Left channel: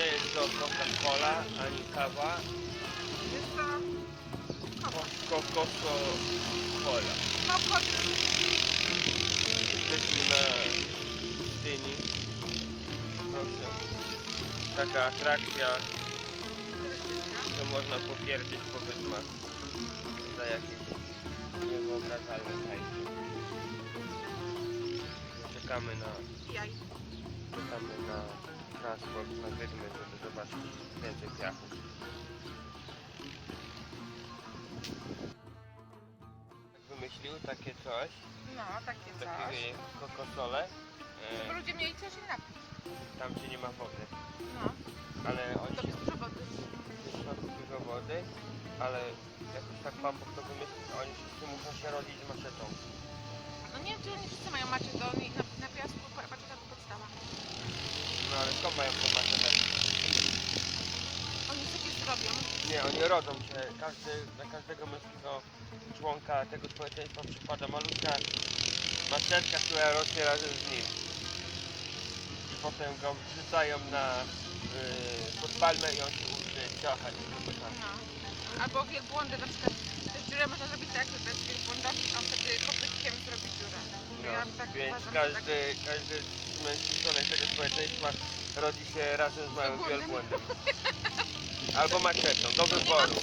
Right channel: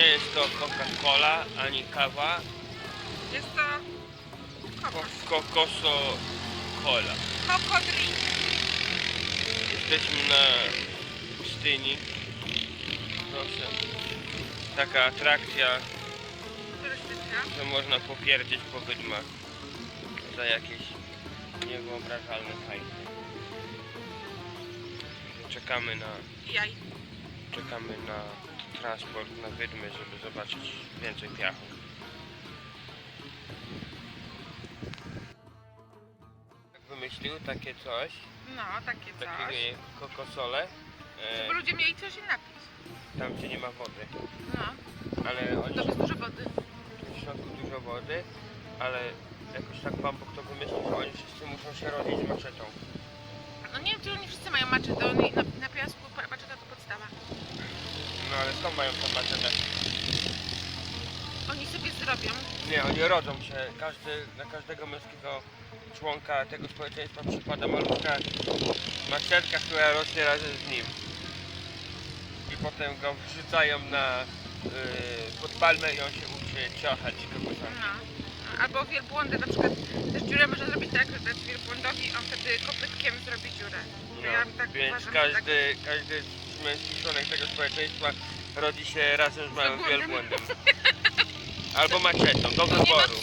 Nie jest to Coca-Cola ani kawa, Jest to ko- kokos. kokoso-cola. Kokodrink. Jesteśmy na pustyni. Proszę. Taka atrakcja, Turystyczna. że można popierdzieć po wydmach za jakieś niewyobrażalne hajsy. Czekamy na, Jaj. czekamy na transport na wydmy, żeby zobaczyć więcej piachu. Jak wymyślił takie coś, No, takie coś. takie kokosole, Żeby e, ludzie mieli coś się napić. tam gdzie nie ma wody. No. Ale oni To jest dużo wody. w środku dużo wody, ale jakoś tak Pan Bóg to wymyślił, że oni wszyscy muszą się rodzić maczetą. No nie wiem, czy oni wszyscy mają maczetę. Oni na, na piasku pa- maczeta to podstawa. No ale skąd mają tą maczetę? Oni sobie zrobią. Nie, oni rodzą się. Każdy, na każdego męskiego członka tego społeczeństwa przypada malutka maczetka, która rośnie razem z nim. I potem go wrzucają na yy, pod palmę i on się uczy ciachać kogoś. No. Albo wielbłądy na przykład. Też dziurę można zrobić tak, że dać wielbłądowi, on wtedy kopytkiem zrobi dziurę. To ja tak No, Więc uważam, każdy, każdy męski członek tego społeczeństwa rodzi się razem z małym Wielbłądem. Albo maczetą, do. Nie wyboru.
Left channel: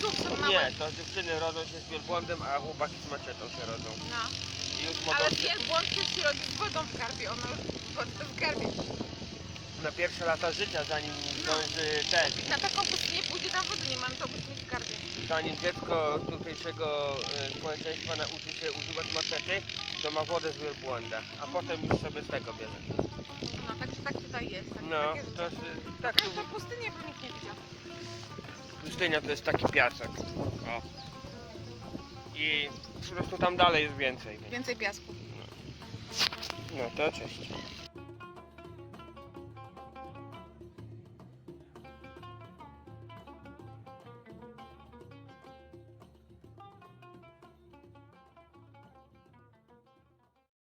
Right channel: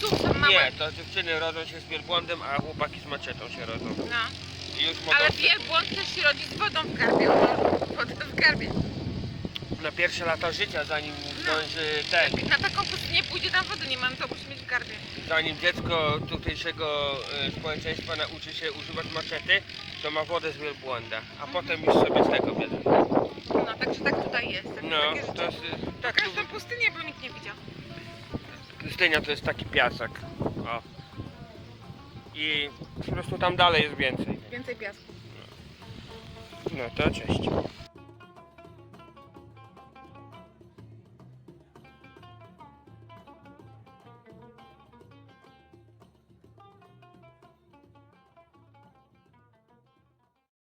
Nie, to dziewczyny rodzą się z wielbłądem, a chłopaki z maczetą się rodzą. No. I już mogą Ale wielbłąd też się rodzi z wodą w garbie. Wodę w garbie. na pierwsze lata życia, zanim No. zdąży ten, Na taką pustynię pójdzie tam wody nie ma, no to musi mieć w garbie. zanim dziecko tutejszego e, społeczeństwa nauczy się używać maczety, to ma wodę z wielbłąda, a potem już sobie z tego bierze. No, także tak tutaj jest. Tak, No, takie to jest, tak, Pokaż tą pustynię, bo nikt nie widział. pustynia to jest taki piasek. O. I po prostu tam dalej jest więcej. Więcej piasku. No to cześć.